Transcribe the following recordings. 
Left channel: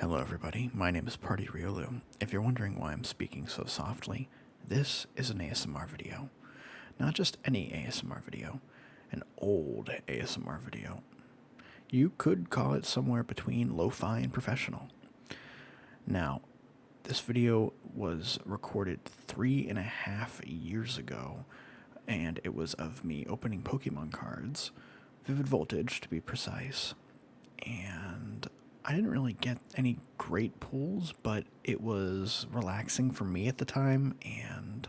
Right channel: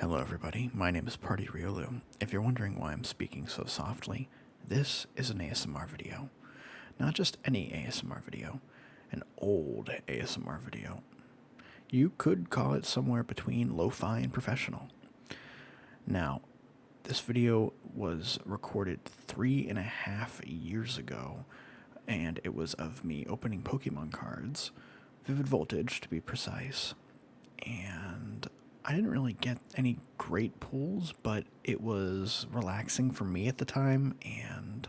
Hello everybody, my name is Party Riolu. If you're wondering why I'm speaking so softly, this is an ASMR video. Not just any ASMR video, an old ASMR video. You could call it somewhere between lo-fi and professional. Now, this video was recorded 3.5 years ago, and it was of me opening Pokemon cards, Vivid Voltage to be precise, and I didn't really get any great pulls, but it was relaxing for me at the time, and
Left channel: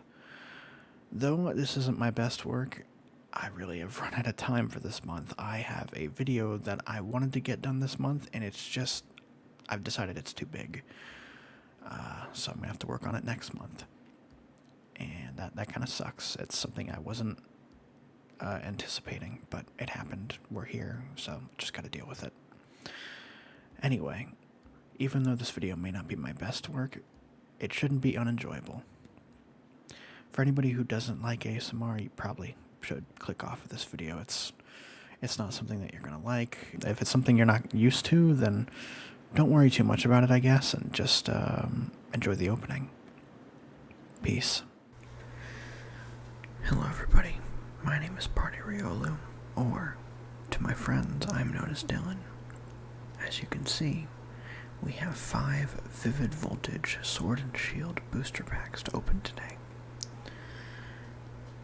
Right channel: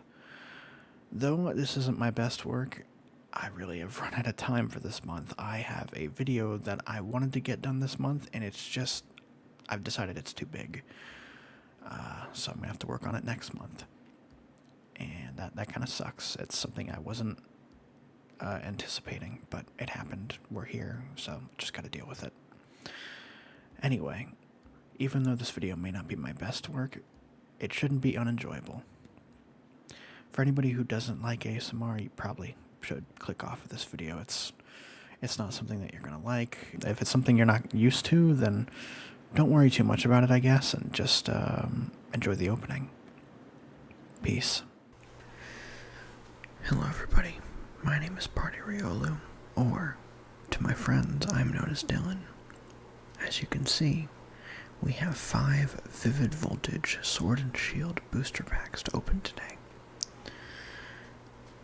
though this isn't my best work, I really have run out of time for this month. I have a video that I wanted to get done this month, and it's just, I've decided it's too big. So I'm going to have to work on it next month. And that kind of sucks. It's something I wasn't anticipating, but it happened. We're here, so just got to deal with it. Anyway, even though this video may not be my best work, it shouldn't be unenjoyable. For anybody who doesn't like ASMR, you probably should click off of this video. It's not something that you're going to like. If it's something you're not used to, then don't worry too much about it, I guess, and just enjoy the opening. Peace. Hello everybody, my name is Party Riolu, or to my friends, I'm known as Dylan. As you can see, we have 5 Vivid Voltage Sword and Shield booster packs to open today.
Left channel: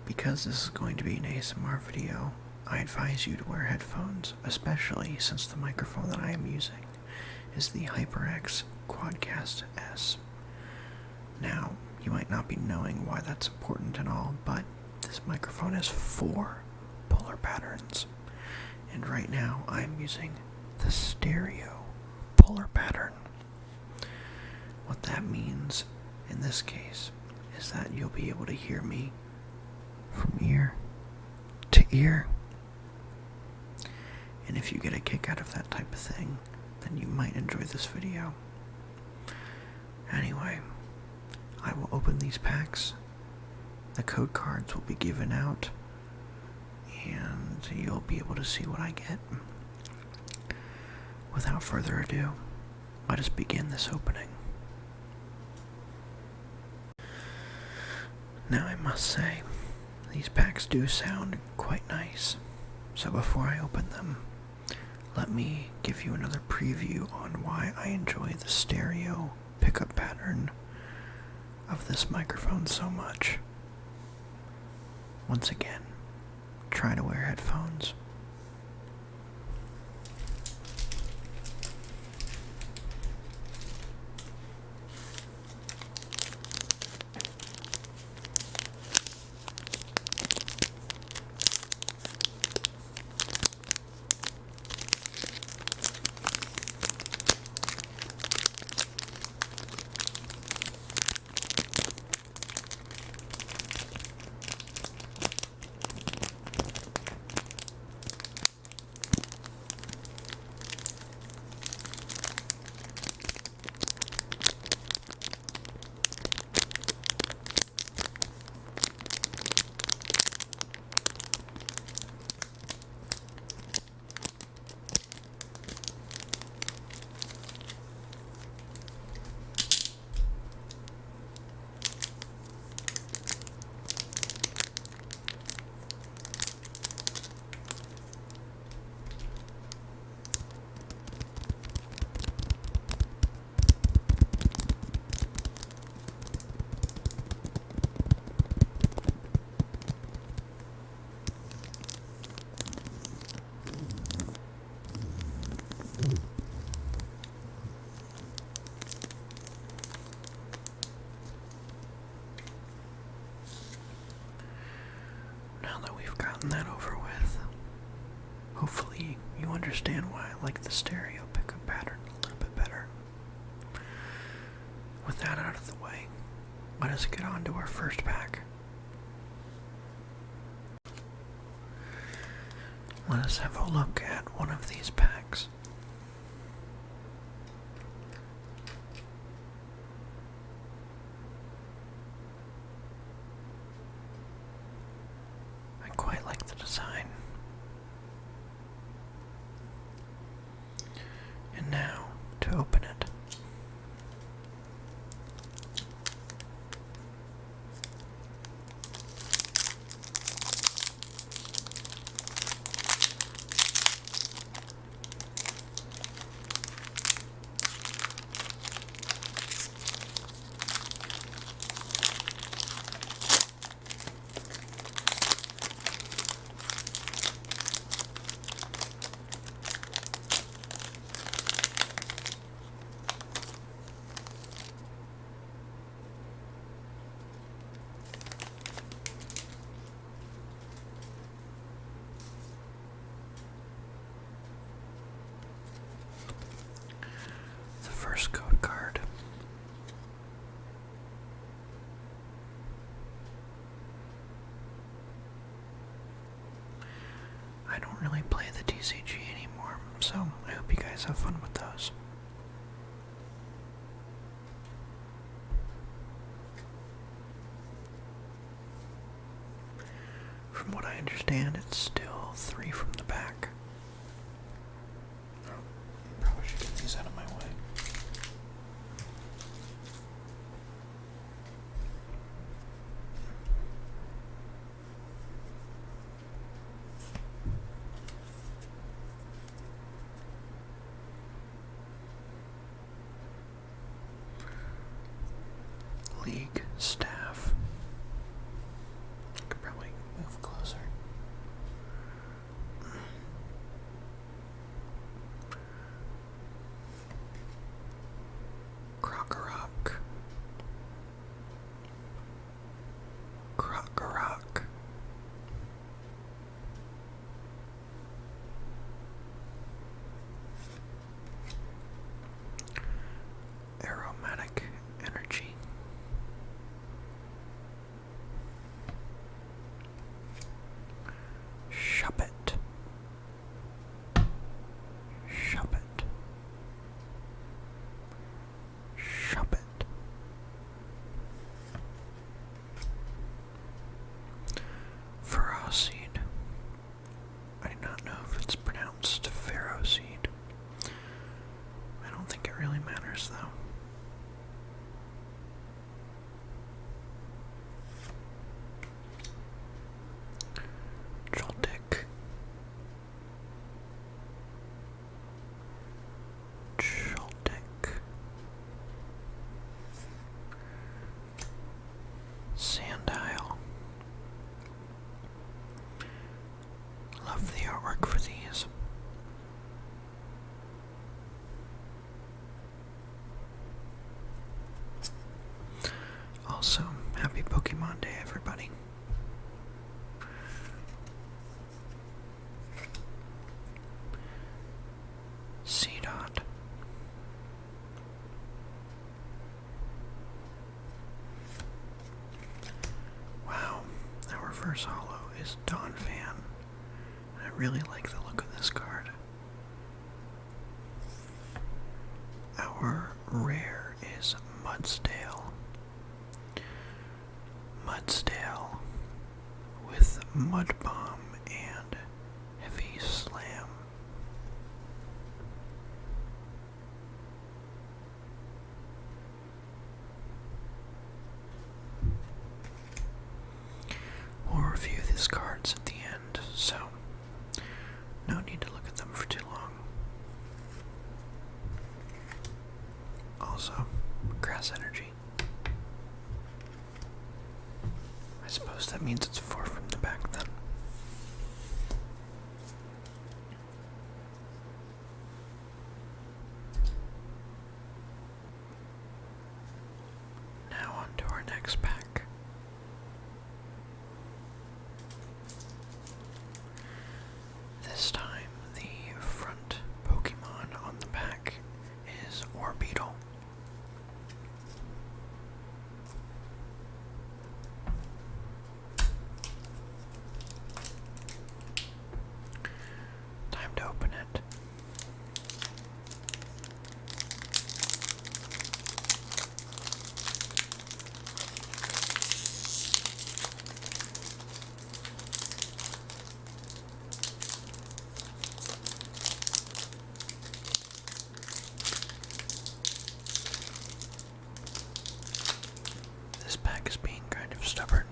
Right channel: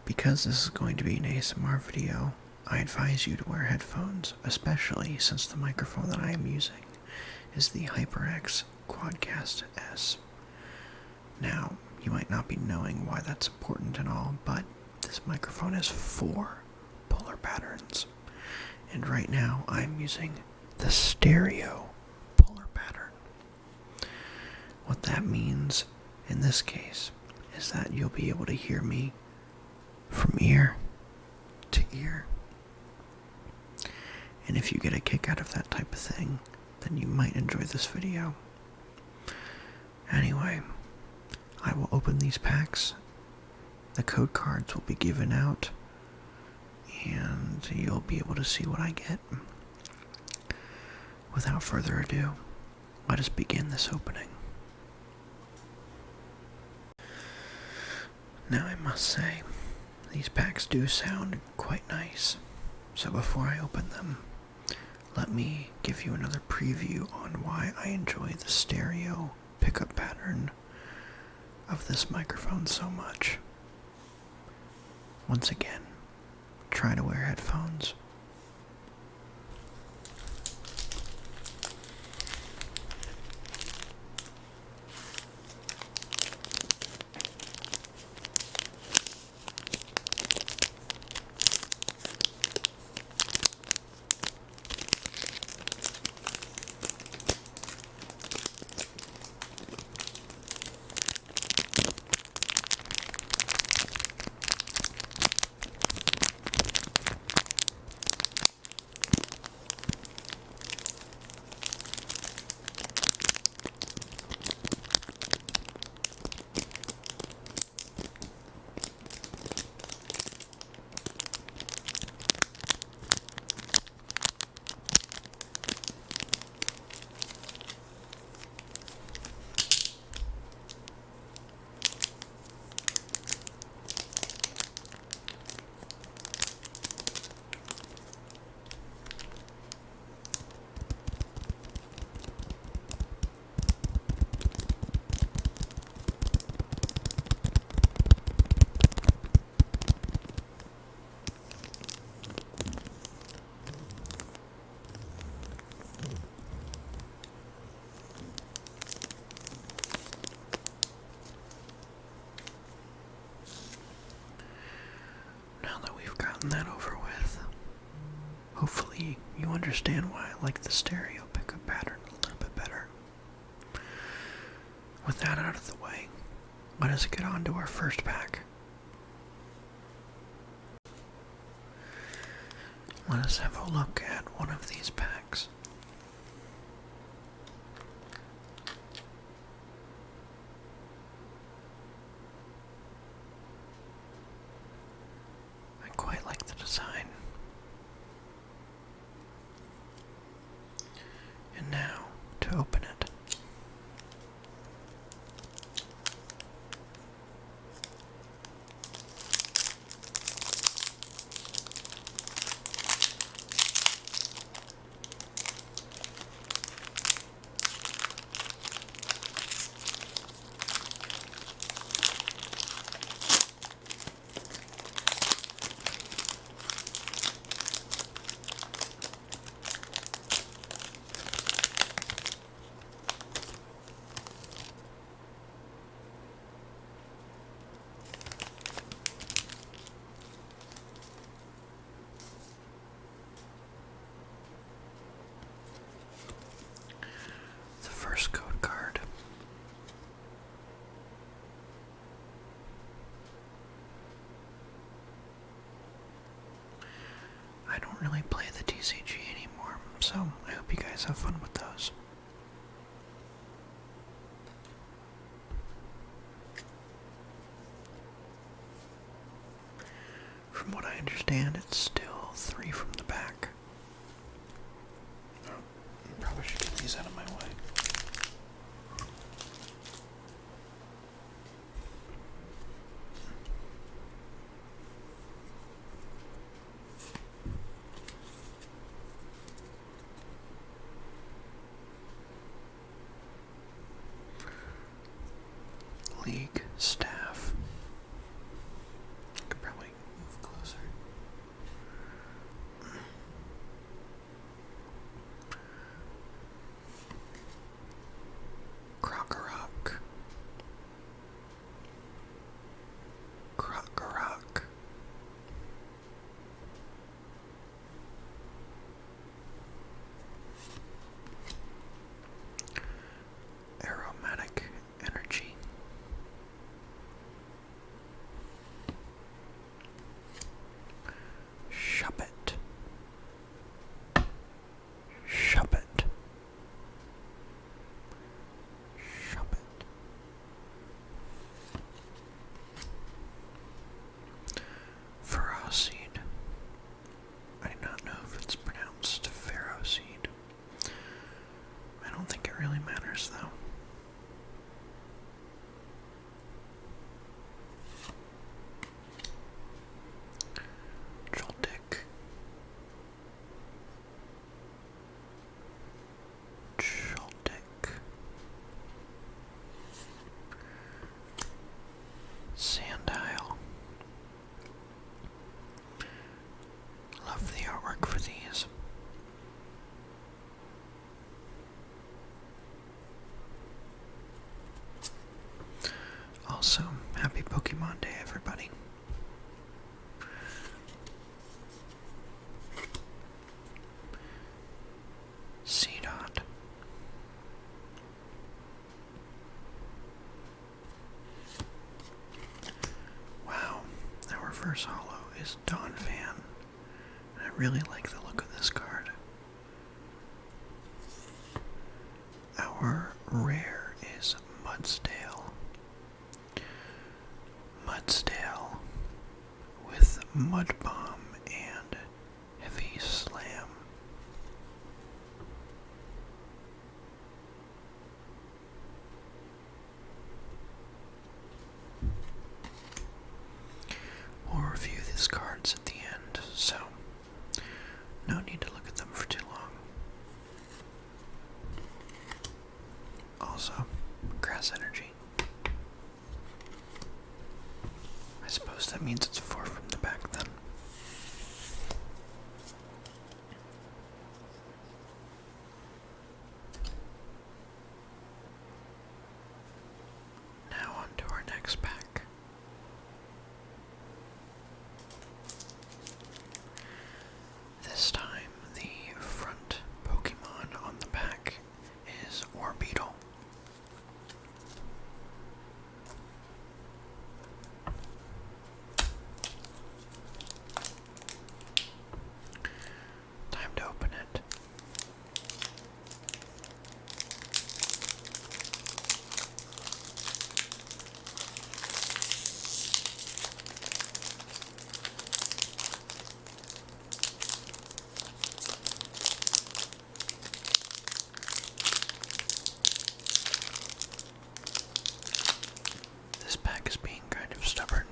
Because this is going to be an ASMR video, I advise you to wear headphones, especially since the microphone that I am using is the HyperX Quadcast S. Now, you might not be knowing why that's important and all, but this microphone has 4 polar patterns, and right now I'm using the stereo polar pattern. What that means in this case is that you'll be able to hear me from ear to ear. And if you get a kick out of that type of thing, then you might enjoy this video. Anyway, I will open these packs. The code cards will be given out, and you'll be able to see what I get. Without further ado, let us begin this opening. Now I must say, these packs do sound quite nice, so before I open them, let me give you another preview on why I enjoy the stereo pickup pattern of this microphone so much. Once again, try to wear headphones. Now that we've gotten that over with, hopefully you understand why I like the stereo pickup pattern a little bit better. With that out of the way, let us get on to our first pack. Let us have a look at one of these packs. I quite like the design. And now, to open it. guys have fun with those. From what I understand, it's still 3 from the back. Oh, probably should get these out of my way. League staff. Could probably move closer. Crocorock. Crocorock. Aromatic energy. Shuppet. Shuppet. Shuppet. Ferroseed. I do not know if it's pronounced ferroseed. I don't think it really matters though. Joltic. Joltic. Sandile. Love the artwork for these. Also, happy Pokemon Day, everybody. Seedot. Wow, our reverse holo is Dawn Fan. I really like the look of this card. Our rare is Mudsdale. Mudsdale with Mud Bomb and Heavy Slam. We'll review these cards at the end, so no need to look at them for too long. Also, Grass Energy. I suppose that means it's 4 from the back then. Now on to our next pack. This time, the front Pokemon on the pack is Orbeetle. Time to open it. This pack is being kind of stubborn.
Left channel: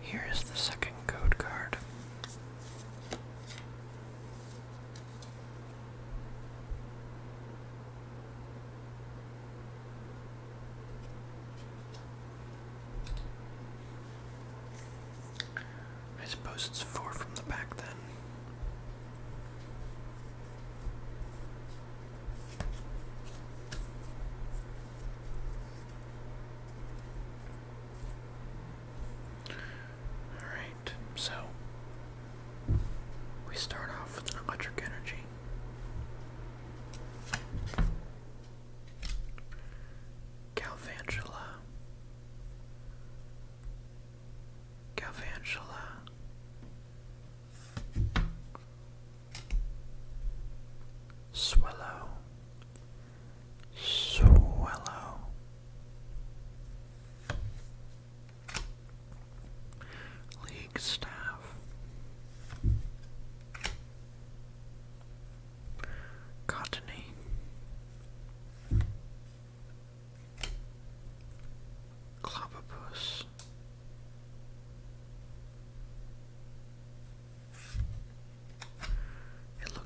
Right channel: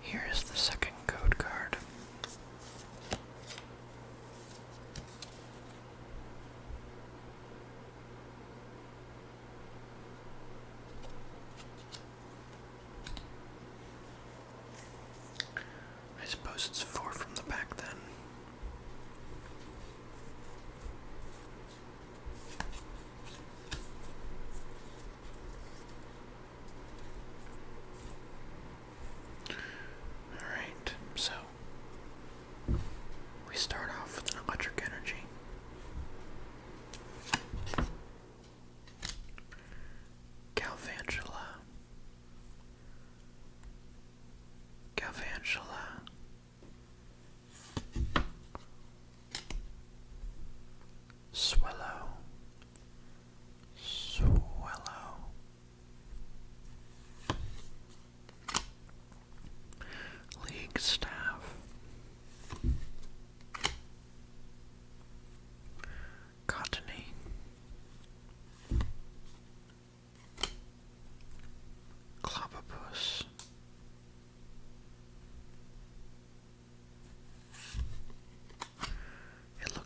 Here is the second code card. I suppose it's 4 from the back then. Alright.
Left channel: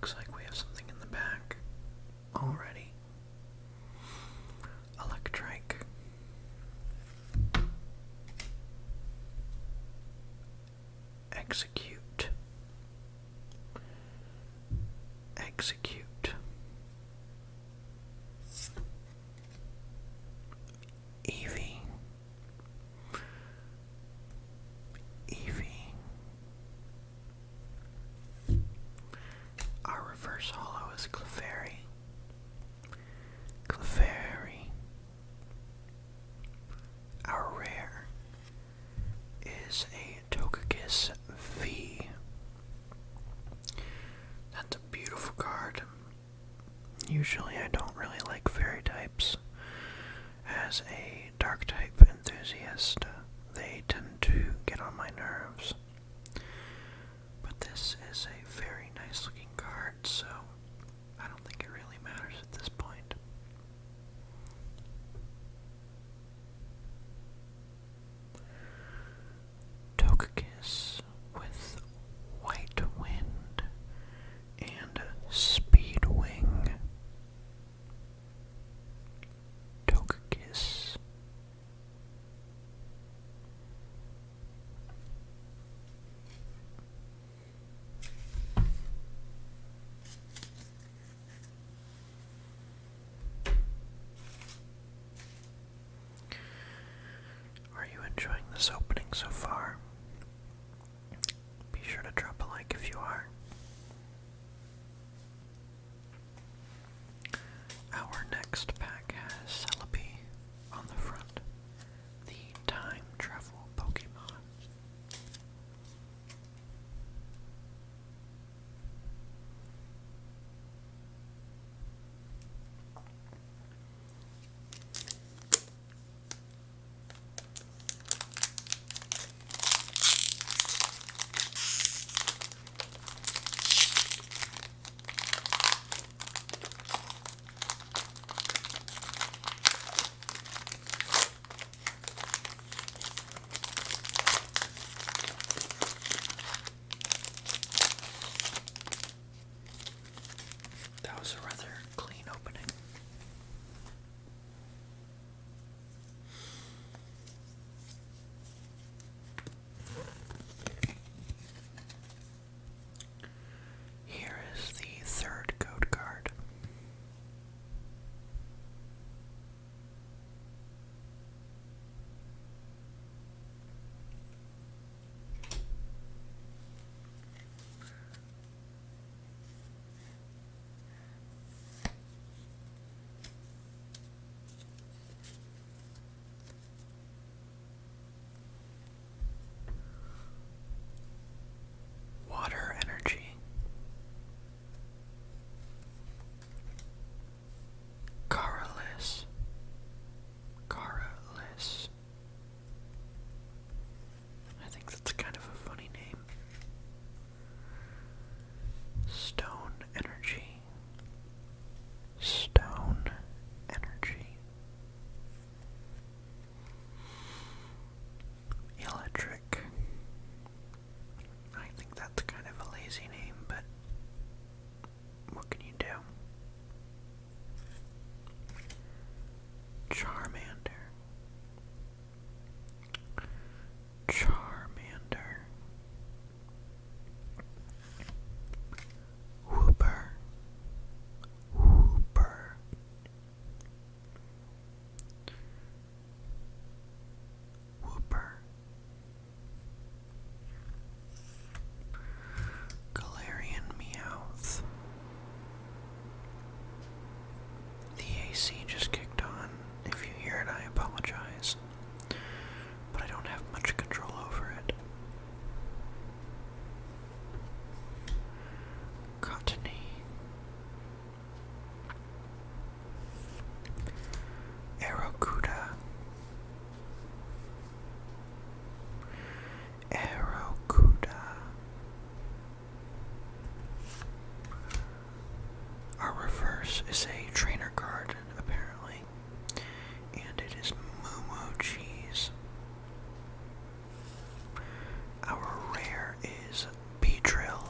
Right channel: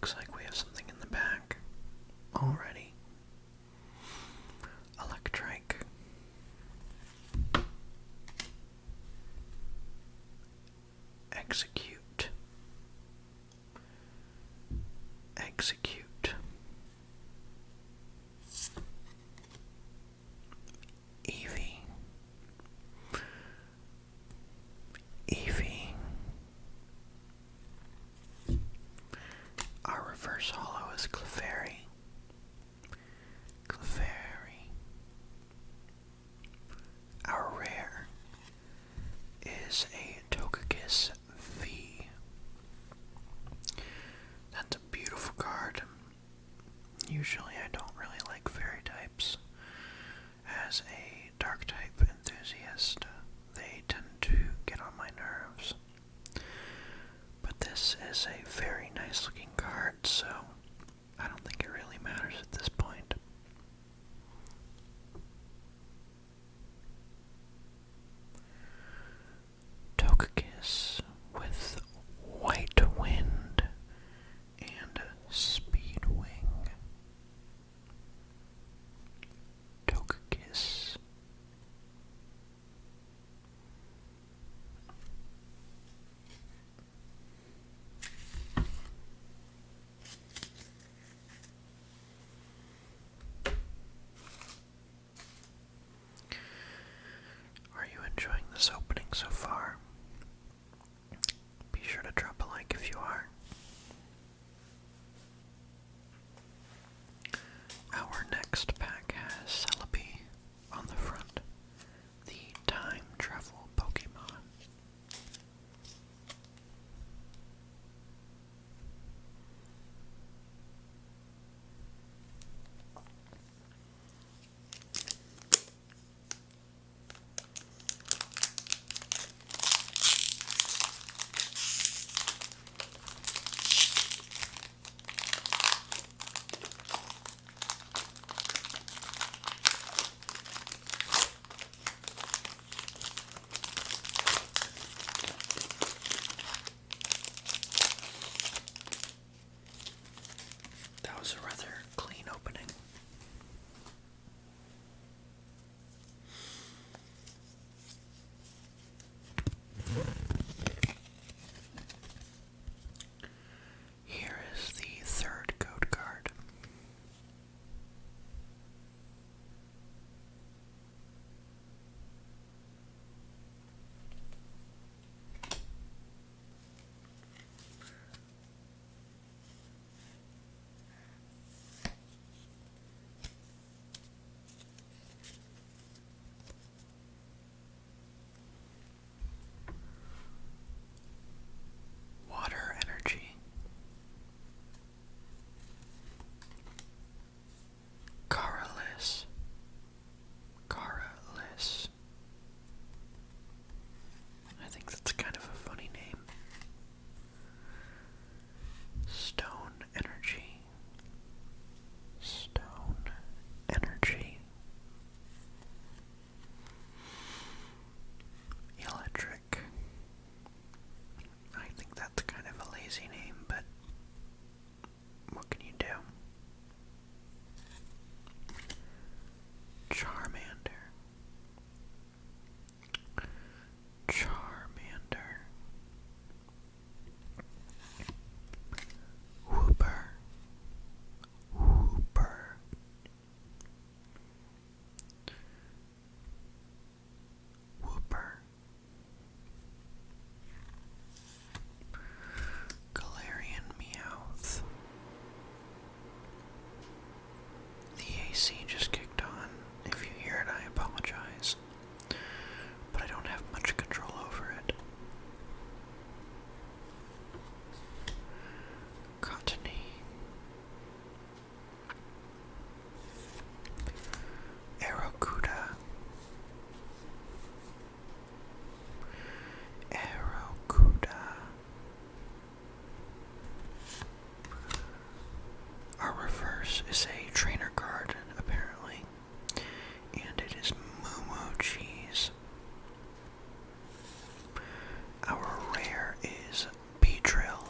looks like we have something in the back already. Electric. Execute. Execute. Eevee. Eevee. Our reverse holo is Clefairy. Clefairy. Our rare is a Togekiss V. That's a beautiful card. Usually I don't really like fairy types. As a dark type enthusiast, they tend to get on my nerves. But this is a very nice looking card, so I don't think it really matters at this point. Togekiss with White Wind and Speedwing. Togekiss. Are you enjoying this opening so far? Be sure to drop a like if you are. Our next pack has Celebi on the front, the time travel Pokemon. That was a rather clean opening. Here is the third code card. Water energy. Caralis. Caralis. I think that's kind of a funny name. Stone energy. Stone energy. Electric. I think that's kind of a lazy name, but what can you do? Charmander. Charmander. Whooper. Whooper. Whooper. Galarian Meowth. The AC just kicked on. If you hear it, I apologize. But I don't have much control over it. Cottony. Aerocuda. Aerocuda. Our reverse is a trainer card, apparently, and it is Moo Cheese. Our rare is Beedrill.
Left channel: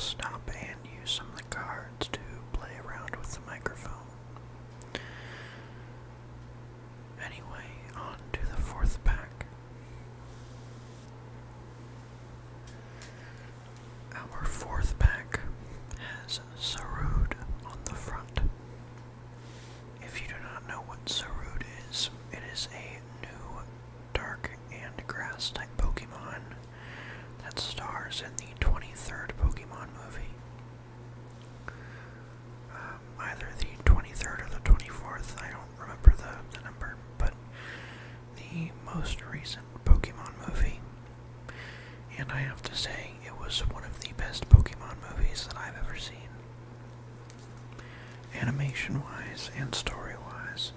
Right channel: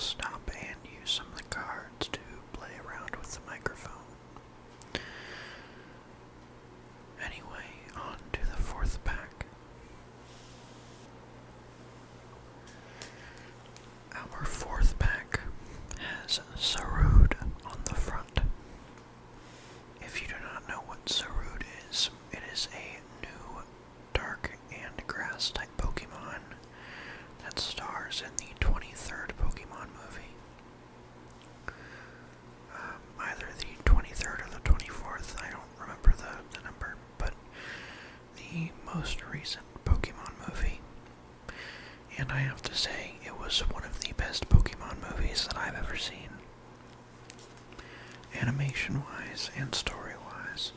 stop and use some of the cards to play around with the microphone. Anyway, on to the fourth pack. Our fourth pack has Sarud on the front. If you do not know what Sarud is, it is a new dark and grass type Pokemon that stars in the 23rd Pokemon movie. Either the 23rd or the 24th, I don't remember the number, but the most recent Pokemon movie. And I have to say, it was one of the best Pokemon movies that I've ever seen. Animation-wise and story-wise.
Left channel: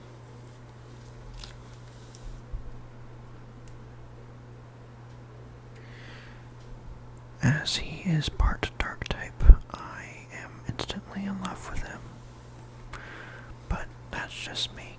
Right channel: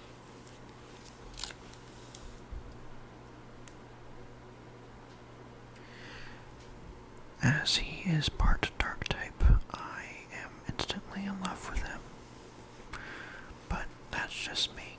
As he is part dark type, I am instantly in love with him. But that's just me.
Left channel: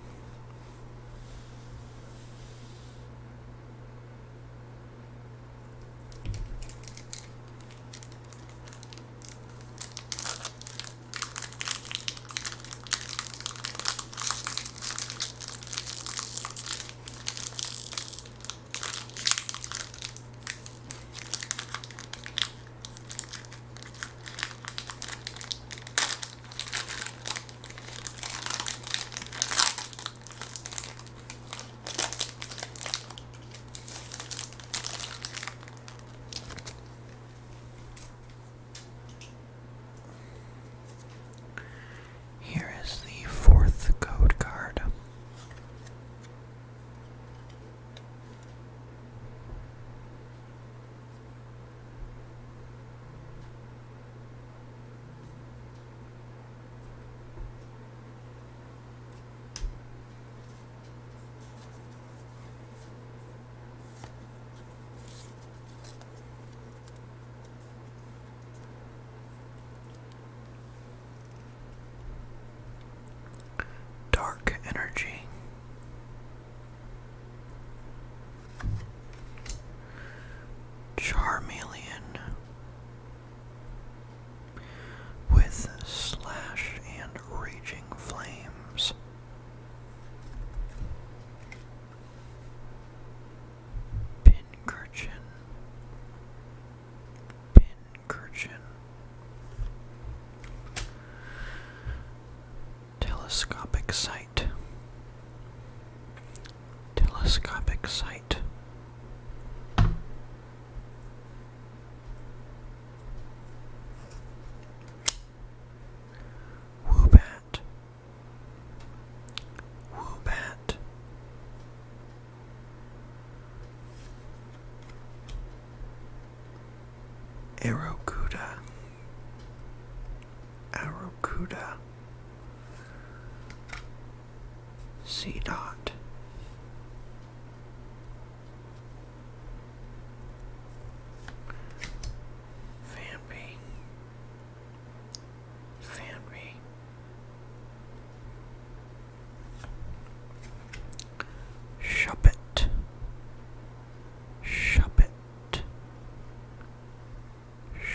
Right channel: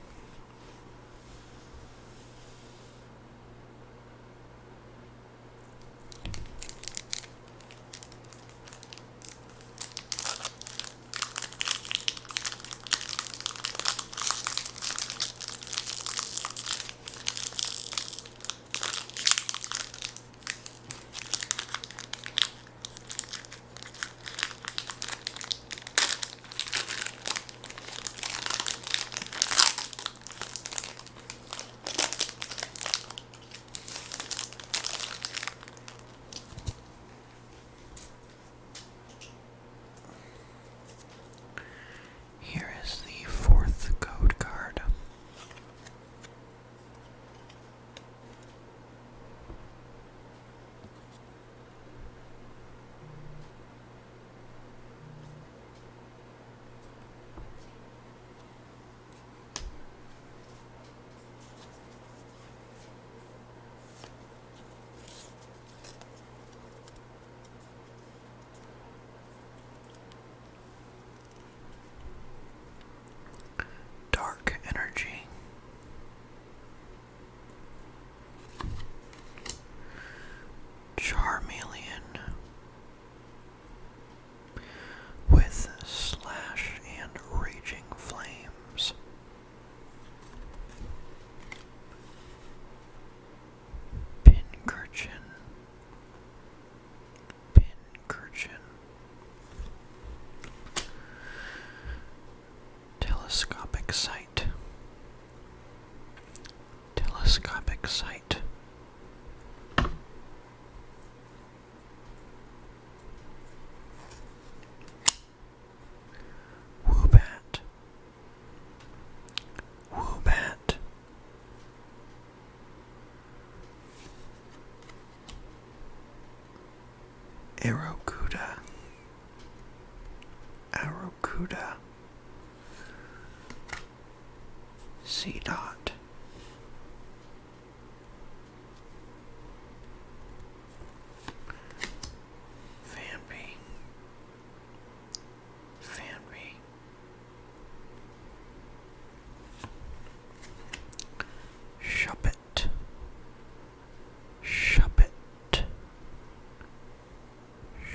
Here is the fourth code card. Dark energy. Charmeleon with slash and raging flames. Pincurchin. Telescopic sight. Woobat. Arrokuda. C-Dot. Fanby.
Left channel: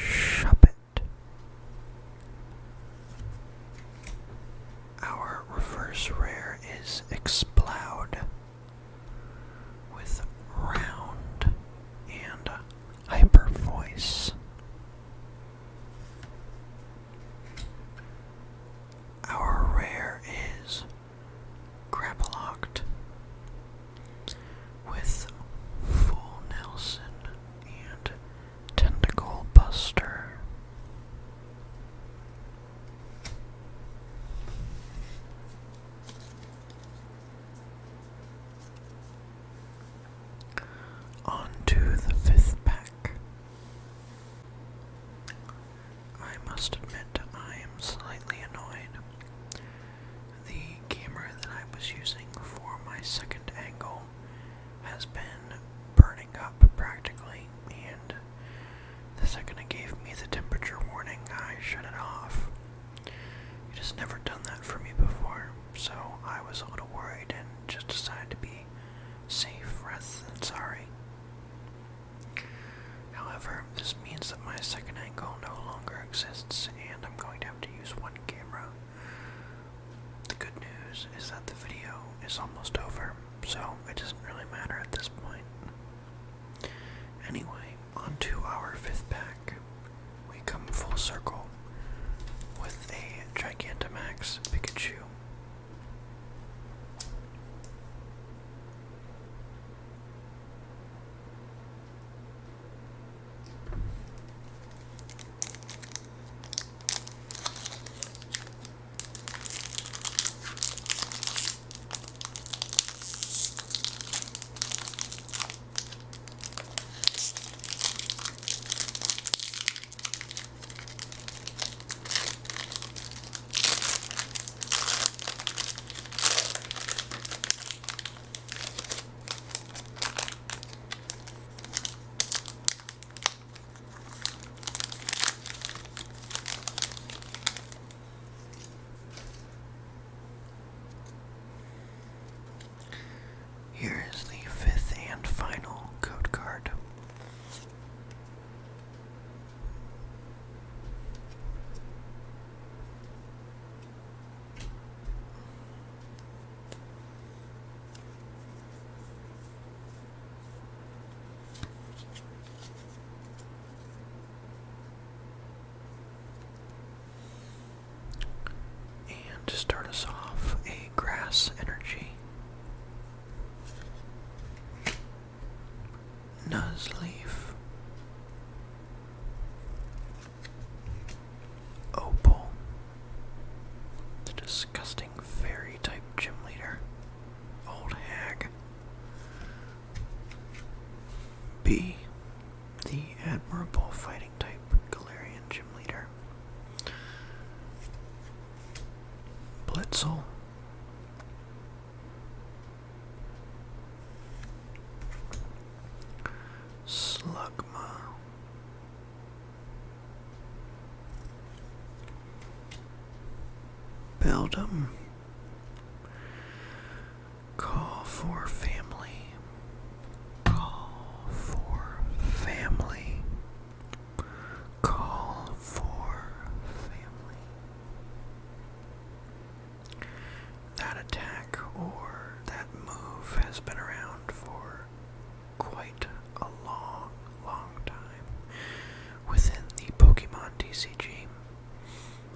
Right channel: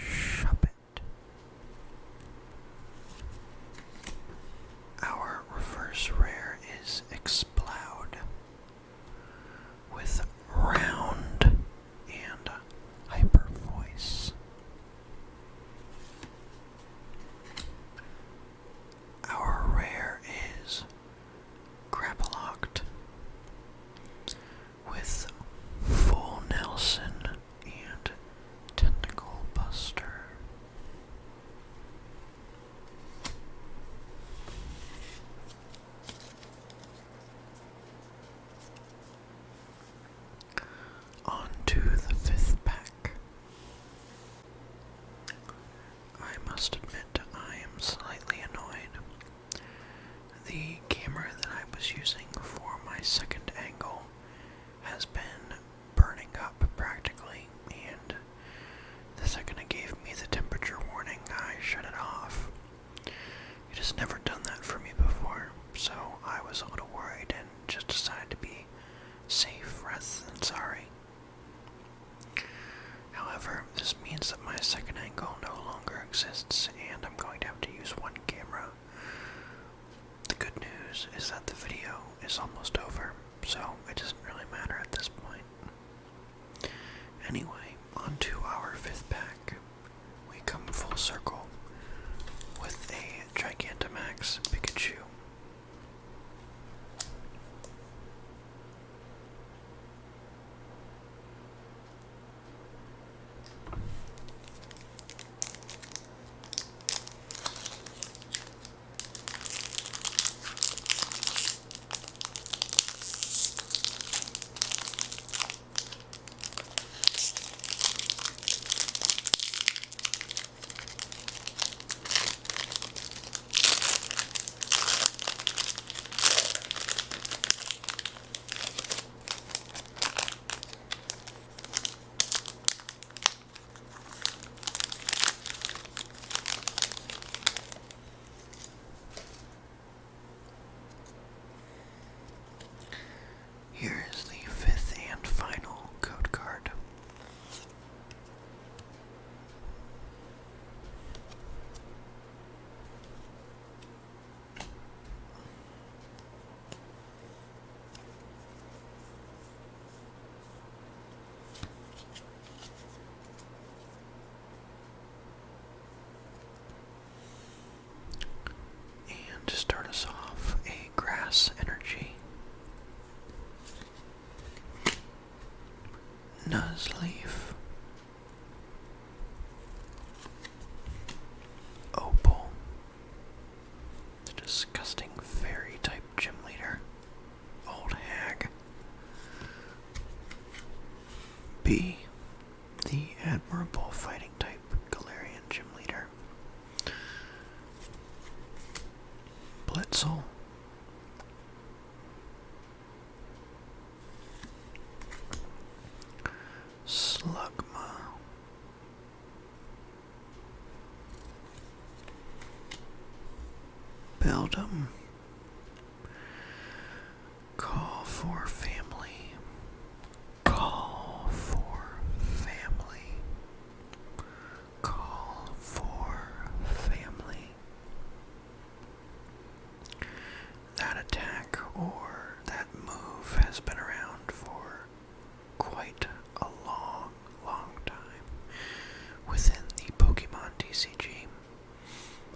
Shuppet. Our reverse rare is Explode with round and hyper voice. Our rare is Grapplocked with Full Nelson and Tentacle Buster. On to the fifth pack. I must admit I am slightly annoyed. The camera that I was using for my second angle has been burning up practically, and the second it gave me the temperature warning, I shut it off. It has never done that for me before, so I was a little worried and just decided to be safe rather than sorry. However, this means that my second angle no longer exists. news is that the video is almost over, so it doesn't really matter at this point. Anyway, on to our 5th pack. We come full circle with a Gigantamax Pikachu. Here is the 5th and final code card. And to start us off, a grass energy. Nuzleaf, Opal, the disgusting fairy type gym leader, Old Hag, B, the admirable fighting type Galarian gym leader, Blitzel, Slugma, Beldum, Call for Family, Call for Family, Call for Family. That attack or that move has been around for quite a long time within the Pokemon TCG.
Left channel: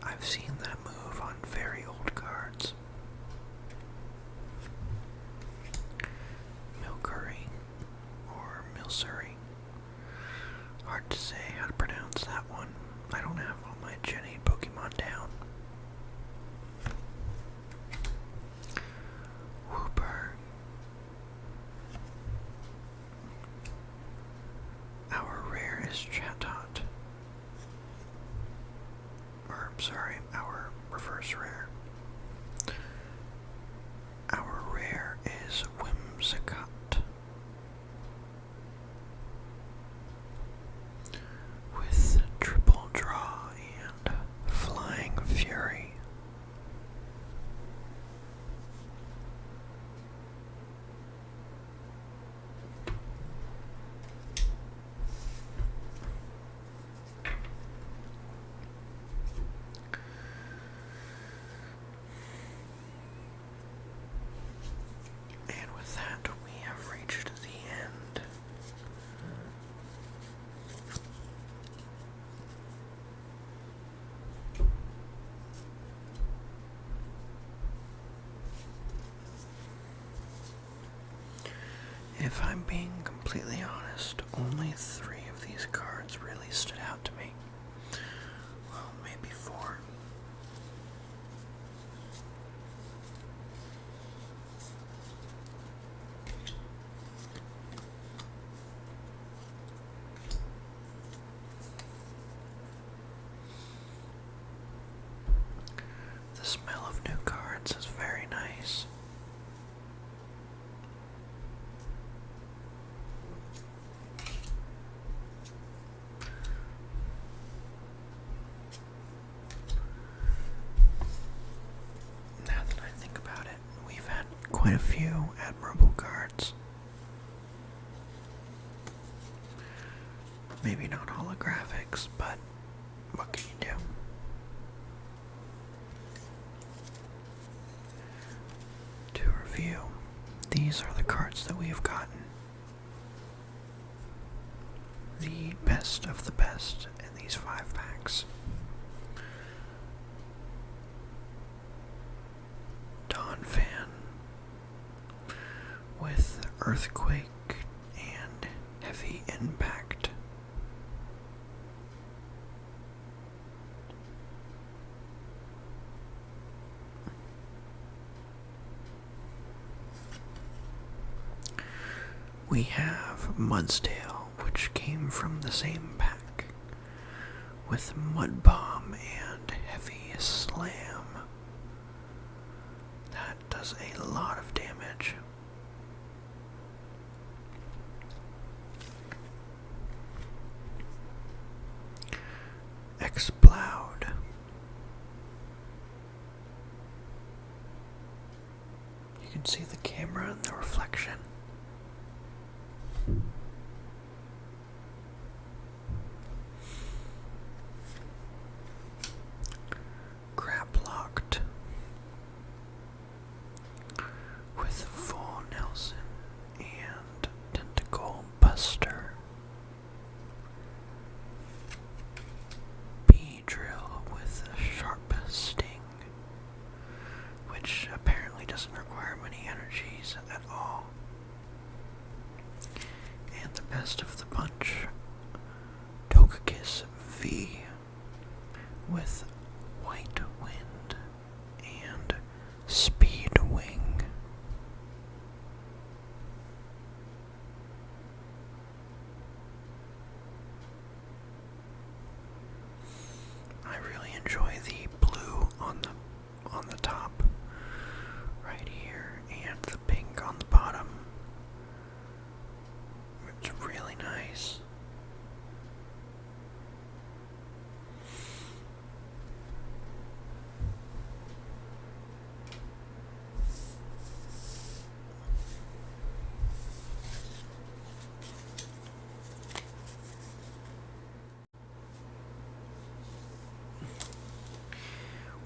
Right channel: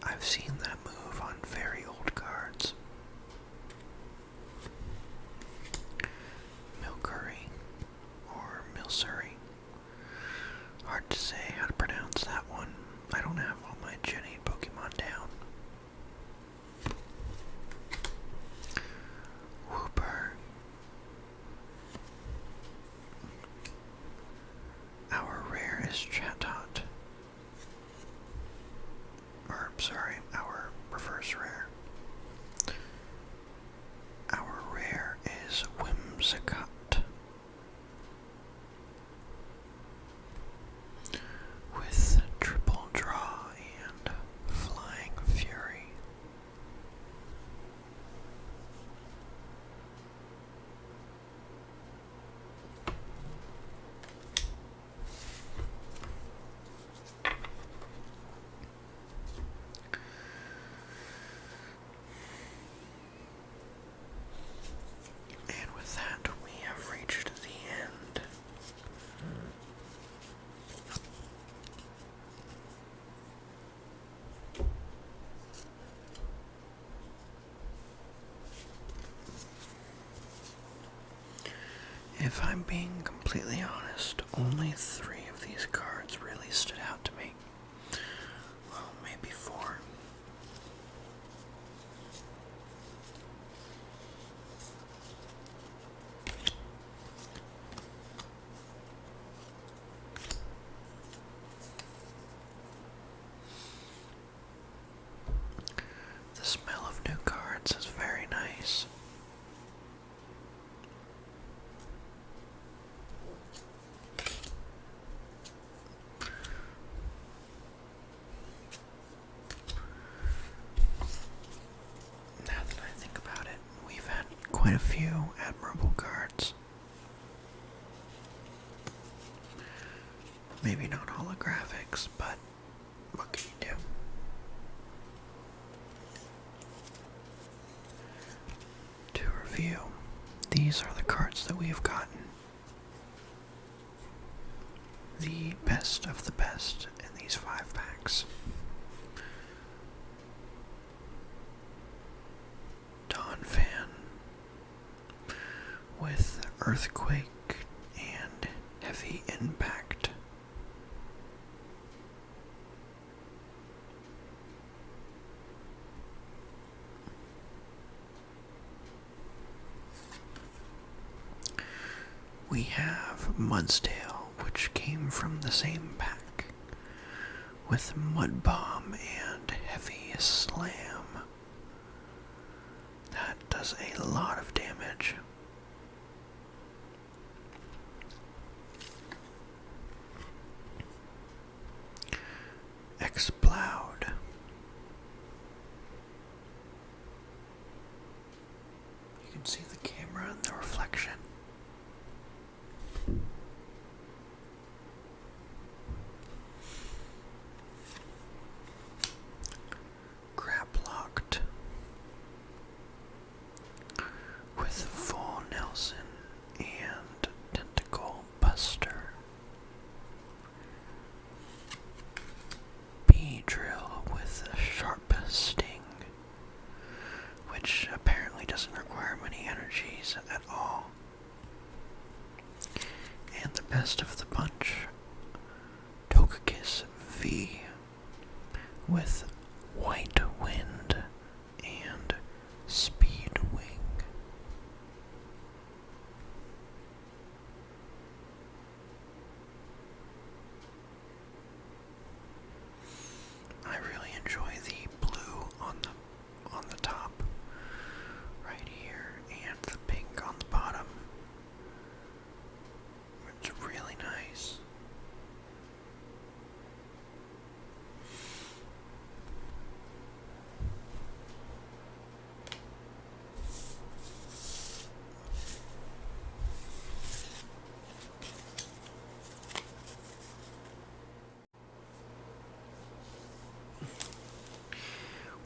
I've seen that move on very old cards. Milcery or Milcery. Hard to say how to pronounce that one. I don't have all my Gen 8 Pokemon down. Whooper. Our rare is Chatot. Or, sorry, our reverse rare. Our rare is Whimsicott. With triple draw and flying fury. And with that, we have reached the end. If I'm being completely honest, only 3 of these cards really stood out to me. Well, maybe 4. The smell of new cards is very nice. Now that I think about it, we've had quite a few admirable cards. Maybe not holographics, but what can you do? review. These are the cards that we have gotten. The best of the best in these 5 packs. Dawn Fan with Earthquake and Heavy Impact. We have Mudsdale, which came from the same pack, with Mud Bomb and Heavy Slam. That does a lot of damage. Explode. You can see the camera and the reflection. Locked with Full Nelson and Tentacle Buster. B-Drill with a Sharp Sting, which apparently doesn't require many energies at all. And the best of the bunch, Togekiss V with White Wind and Speed Wing. I really enjoy the blue on the top right here and the pink on the bottom. It's really nice.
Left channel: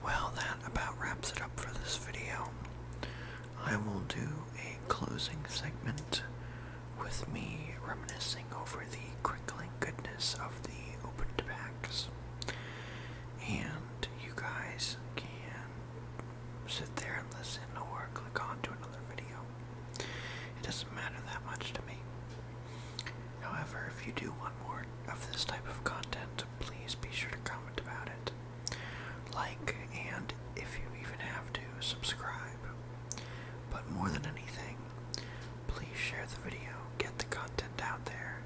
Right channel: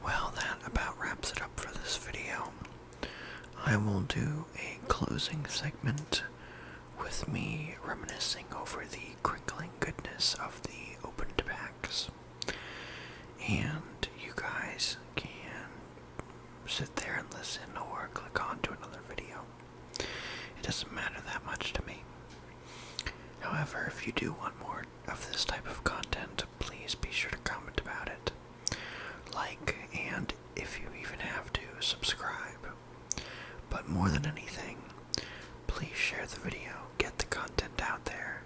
Well, that about wraps it up for this video. I will do a closing segment with me reminiscing over the crinkling goodness of the opened packs. And you guys can sit there and listen or click on to another video. It doesn't matter that much to me. However, if you do want more of this type of content, please be sure to comment about it. Like, and if you even have to, subscribe. But more than anything, please share the video, get the content out there.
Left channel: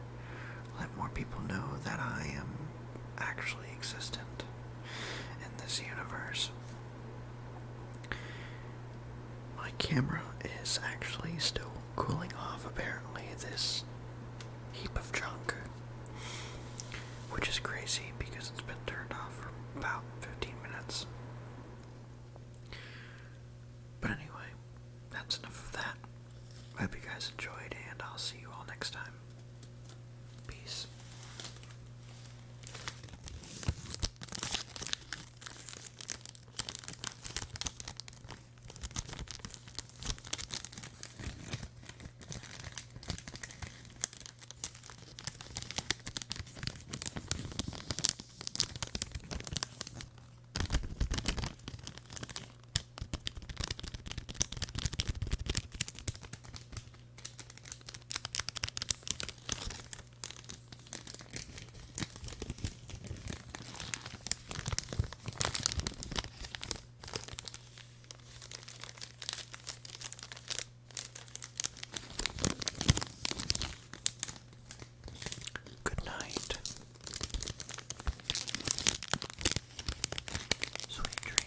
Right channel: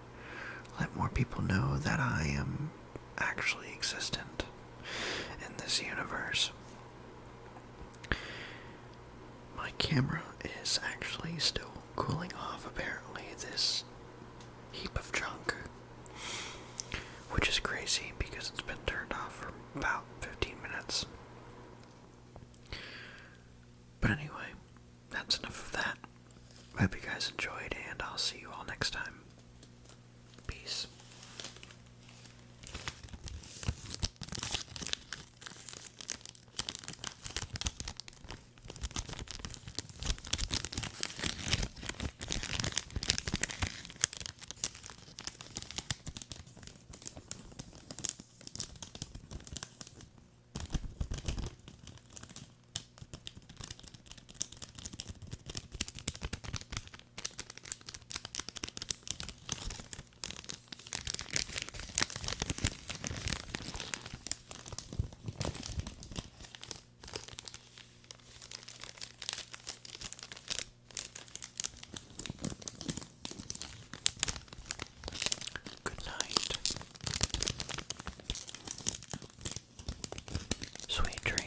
Let more people know that I am actually existent in this universe. My camera is actually still cooling off, apparently, this heap of junk, which is crazy because it's been turned off for about 15 minutes. But anyway, that's enough of that. I hope you guys enjoyed, and I'll see you all next time. Peace. Sweet dreams.